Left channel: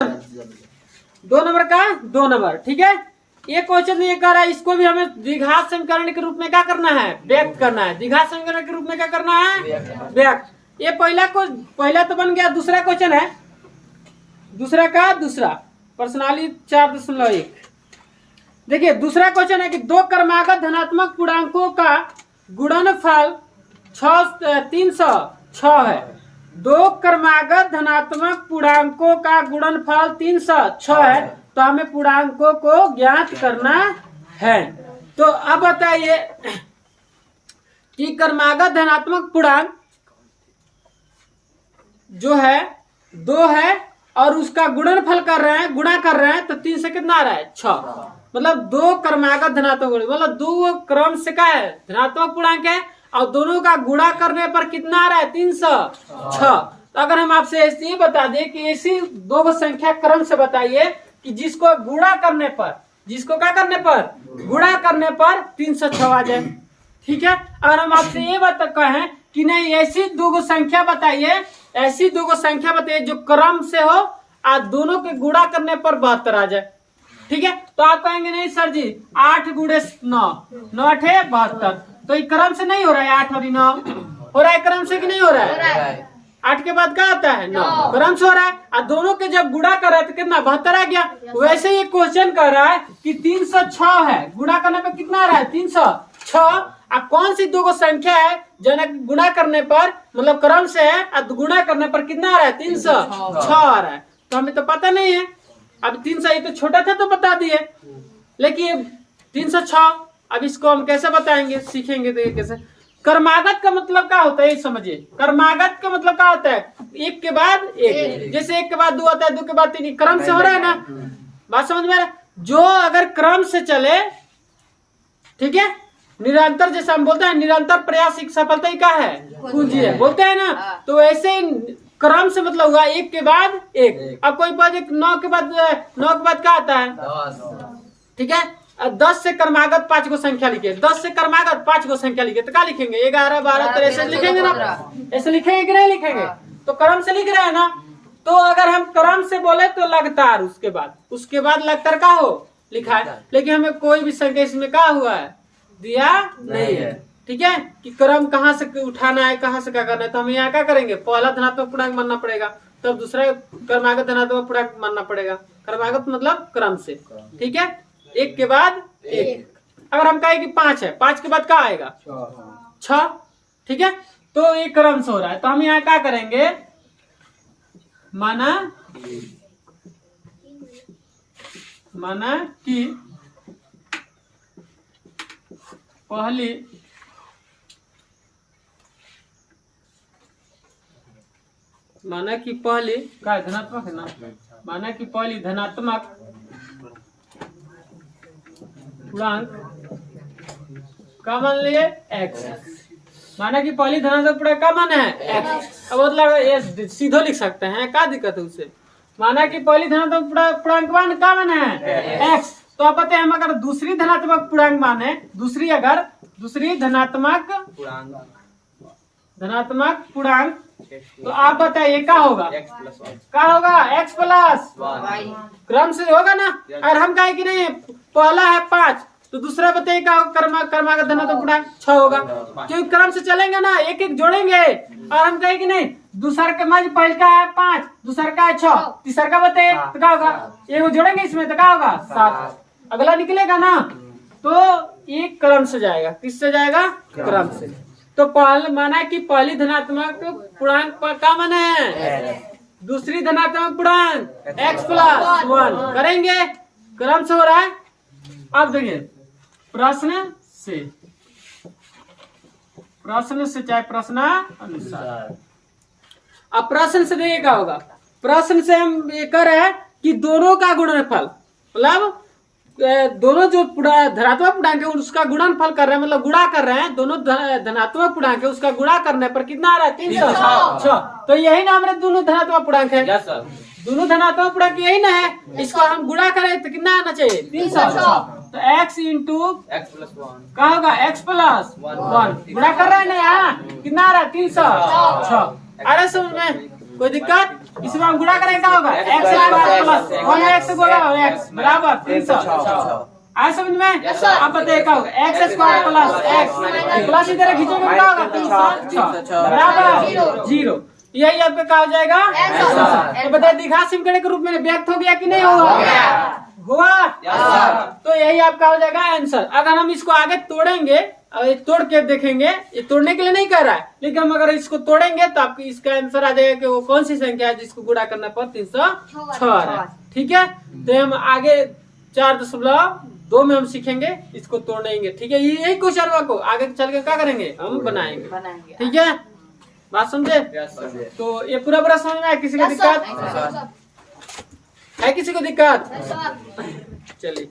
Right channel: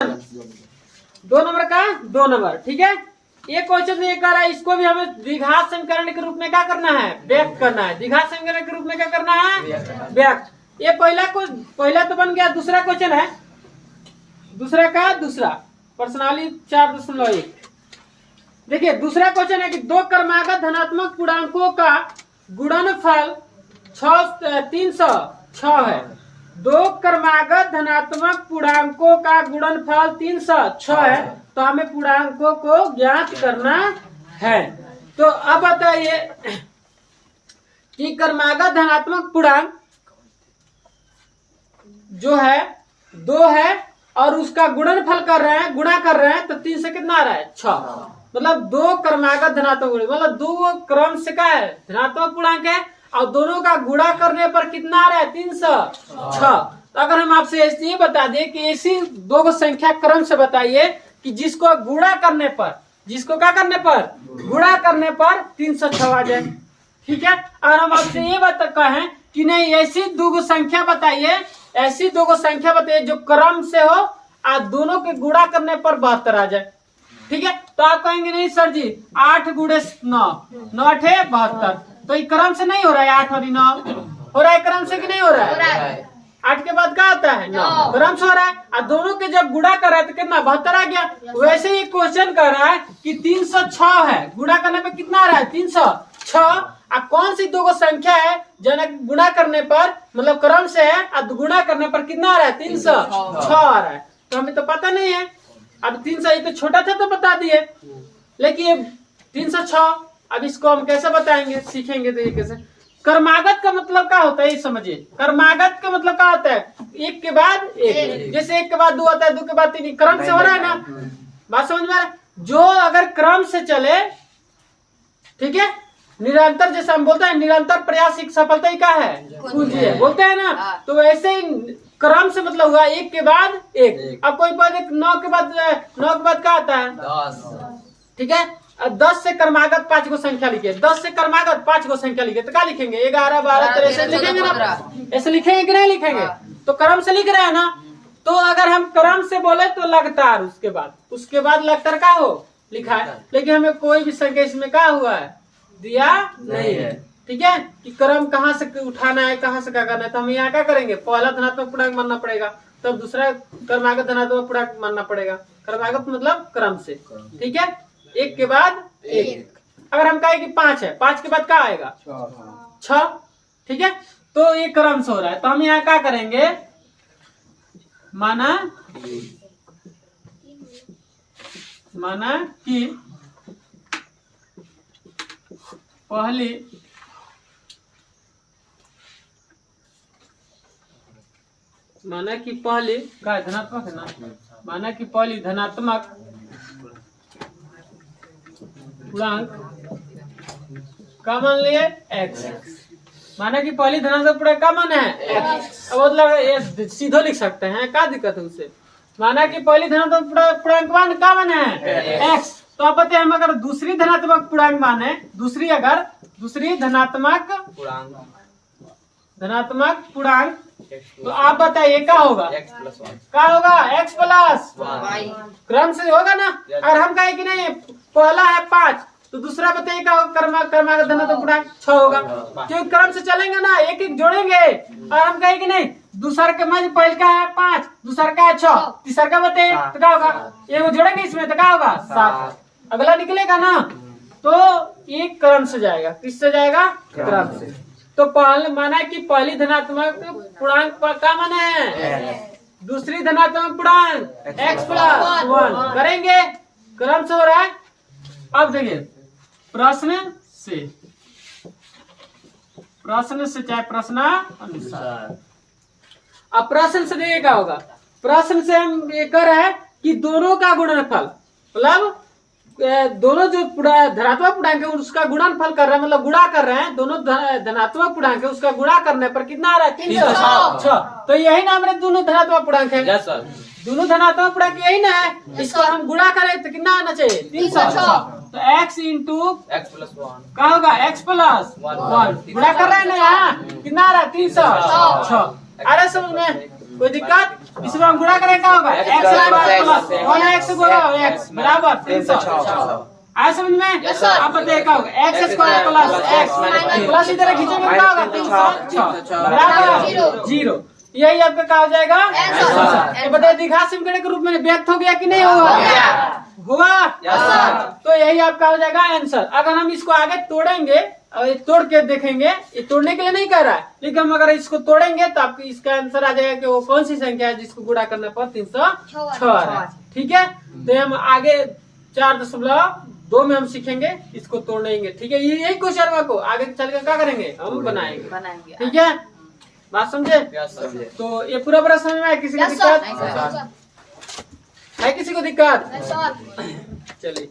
2 number का 2 number. ठीक है, ये क्वेश्चन ये कर रहा है, इसको भी हमें द्विघात समीकरण के रूप में क्या करना है, व्यक्त करना है। द्विघात समीकरण के रूप में क्या करना है, व्यक्त। ये पहला तो बन गया। दूसरा क्वेश्चन है, दूसरा प्रश्नावली 4.1। देखिए दूसरा क्वेश्चन है कि दो क्रमागत धनात्मक पूर्णांकों का गुणनफल 306 है। दो क्रमागत धनात्मक पूर्णांकों का गुणनफल 306 है, तो हमें पूर्णांकों को ज्ञात करना है। तो अब बताइए कि क्रमागत धनात्मक पूर्णांक जो है 2 है और उसका गुणनफल कर रहे हैं, गुणा कर रहे हैं, तो 3 से कितना आ रहा है, 6। मतलब दो क्रमागत धनात्मक, मतलब दो क्रम से का है धनात्मक पूर्णांक है और दोनों का गुणा करने पर कितना आ रहा है, 306। तो अगर हम आपसे ये बता दें कि ऐसी दो संख्या क्रम से बताइए कि जिसको गुणा करने पर, जिसको क्या करने पर, गुणा करने पर 306 आ जाए। ठीक है, अगर हम आपसे ये कहें कि नहीं ऐसी दो संख्या बताइए, ऐसी दो संख्या बताइए जो क्रम से हो और दोनों के गुणा करने पर 72 आ जाए। ठीक है, तो आप कहेंगे नहीं सर जी 8 गुणे 9, 9 8 72, तो ये क्रम से नहीं हो रहा है। 8 और 9 हो रहा है क्रम से कि नहीं हो रहा है। 8 के बाद क्या आता है, 9 क्रम से हो रहा है और दोनों के जब गुणा कर रहे हैं तो कितना 72 आ गया। वैसे ही क्वेश्चन कर रहा है कि 306 है, गुणा करने पर कितना आ रहा है, 306। कौन सी दो संख्या है जो गुणा करने पर मतलब क्रम से है और गुणा करने पर कितना आ रहा है, 306 आ रहा है। तो हमें तो पता नहीं है। अब 300 ये तो छोटा था तो बता दिए, लेकिन ये 306 अब इसको हम कैसे बताएंगे, सीखेंगे तो कैसे। क्रमागत का मतलब क्या होता है ये समझिए। क्रमागत का मतलब क्या होता है, एक के बाद एक, जैसे 1 के बाद 2 आता है, 2 के बाद 3, क्रम से हो रहा है ना। बात समझ में आ रहा है। जो अगर क्रम से चले, ठीक है, निरंतर, जैसे हम बोलते हैं निरंतर प्रयास की सफलता ही क्या है, पूंजी है, बोलते हैं ना। तो ऐसे ही क्रम से मतलब हुआ 1 के बाद 1। अब कोई बात 9 के बाद क्या आता है, 10। ठीक है, 10 से क्रमागत 5 को संख्या लिखे, 10 से क्रमागत 5 को संख्या लिखे तो क्या लिखेंगे, 11 12 13 ऐसे लिखेंगे ना, ऐसे लिखेंगे कि नहीं लिखेंगे। तो क्रम से लिख रहे हैं ना। तो अगर हम क्रम से बोले तो लगातार, उसके बाद लगातार क्या हो लिखा है, लेकिन हमें कोई भी संख्या इसमें क्या हुआ है, दिया नहीं है। ठीक है, कि क्रम कहाँ से उठाना है, कहाँ से क्या करना है। तो हम यहाँ क्या करेंगे, पहला धनात्मक पूर्णांक मानना पड़ेगा, तब दूसरा क्रमागत धनात्मक पूर्णांक मानना पड़ेगा। क्रमागत मतलब क्रम से। ठीक है, 1 के बाद 1। अगर हम कहें कि 5 है, 5 के बाद क्या आएगा, 6। ठीक है, तो ये क्रम से हो रहा है, तो हम यहाँ क्या करेंगे, माना कि पहली का धनात्मक है ना, माना कि पहली धनात्मक पूर्णांक का मान लिए x। माना कि पहली धनात्मक पूर्णांक का मान है x। अब मतलब ये सीधो लिख सकते हैं, क्या दिक्कत है उससे। माना कि पहली धनात्मक पूर्णांक मान का मान है x, तो आप पता है हम अगर दूसरी धनात्मक पूर्णांक माने, दूसरी धनात्मक पूर्णांक, तो आप बताइए क्या होगा, क्या होगा, x प्लस y। क्रम से होगा ना। और हम कहे कि नहीं पहला है 5, तो दूसरा बताइए क्या क्रमागत धनात्मक पूर्णांक 6 होगा, क्योंकि क्रम से चलेंगे ना, एक एक जोड़ेंगे। और हम कहे कि नहीं दूसरा के मध्य पहले का है 5, दूसरा का है 6, तीसरा का बताइए तो क्या होगा, ये वो जोड़ेंगे इसमें तो क्या होगा 7। अगला निकलेगा ना, तो एक क्रम से जाएगा, किससे जाएगा, क्रम से। तो माना कि पहली धनात्मक पूर्णांक का मान है, दूसरी धनात्मक पूर्णांक x प्लस 1 करेंगे, क्रम से हो रहा है। अब देखिए प्रश्न से चाहे प्रश्न अनुसार। अब प्रश्न से देखिए क्या होगा। प्रश्न से हम ये कर रहे हैं कि दोनों का गुणनफल, मतलब दोनों जो धनात्मक पूर्णांक है उसका गुणनफल कर रहे हैं, मतलब गुणा कर रहे हैं। दोनों धनात्मक पूर्णांक है उसका गुणा करने पर कितना आ रहा है, 306। तो यही ना हमारे दोनों धनात्मक पूर्णांक है, दोनों धनात्मक पूर्णांक यही ना है। इसको हम गुणा करें तो कितना आना चाहिए, 306। तो x इंटू x प्लस 1 क्या होगा, x प्लस 1 गुणा कर रहे हैं ना, यहाँ कितना आ रहा है, 306। आ रहा है समझ में, कोई दिक्कत। इसमें हम गुणा करें क्या होगा x प्लस 1x गुणा x बराबर 306 आया समझ में। अब बताइए क्या होगा x square plus x plus इधर खींचेंगे क्या होगा 306 बराबर 0। यही आपका क्या हो जाएगा आंसर। बताइए द्विघात समीकरण के रूप में व्यक्त हो गया कि नहीं हुआ तो यही आपका हो जाएगा आंसर। अगर हम इसको आगे तोड़ेंगे और तोड़ के देखेंगे, ये तोड़ने के लिए नहीं कह रहा है, लेकिन हम अगर इसको तोड़ेंगे तो आपको इसका आंसर आ जाएगा कि वो कौन सी संख्या है जिसको गुणा करने पर 306 आ रहा है। ठीक है, तो हम आगे 4.2 में हम सीखेंगे इसको तोड़ेंगे। ठीक है, यही क्वेश्चन को आगे चल के क्या करेंगे हम बनाएंगे। ठीक है, बात समझे। तो ये पूरा समझ में है, किसी को दिक्कत है? किसी को दिक्कत? चलिए।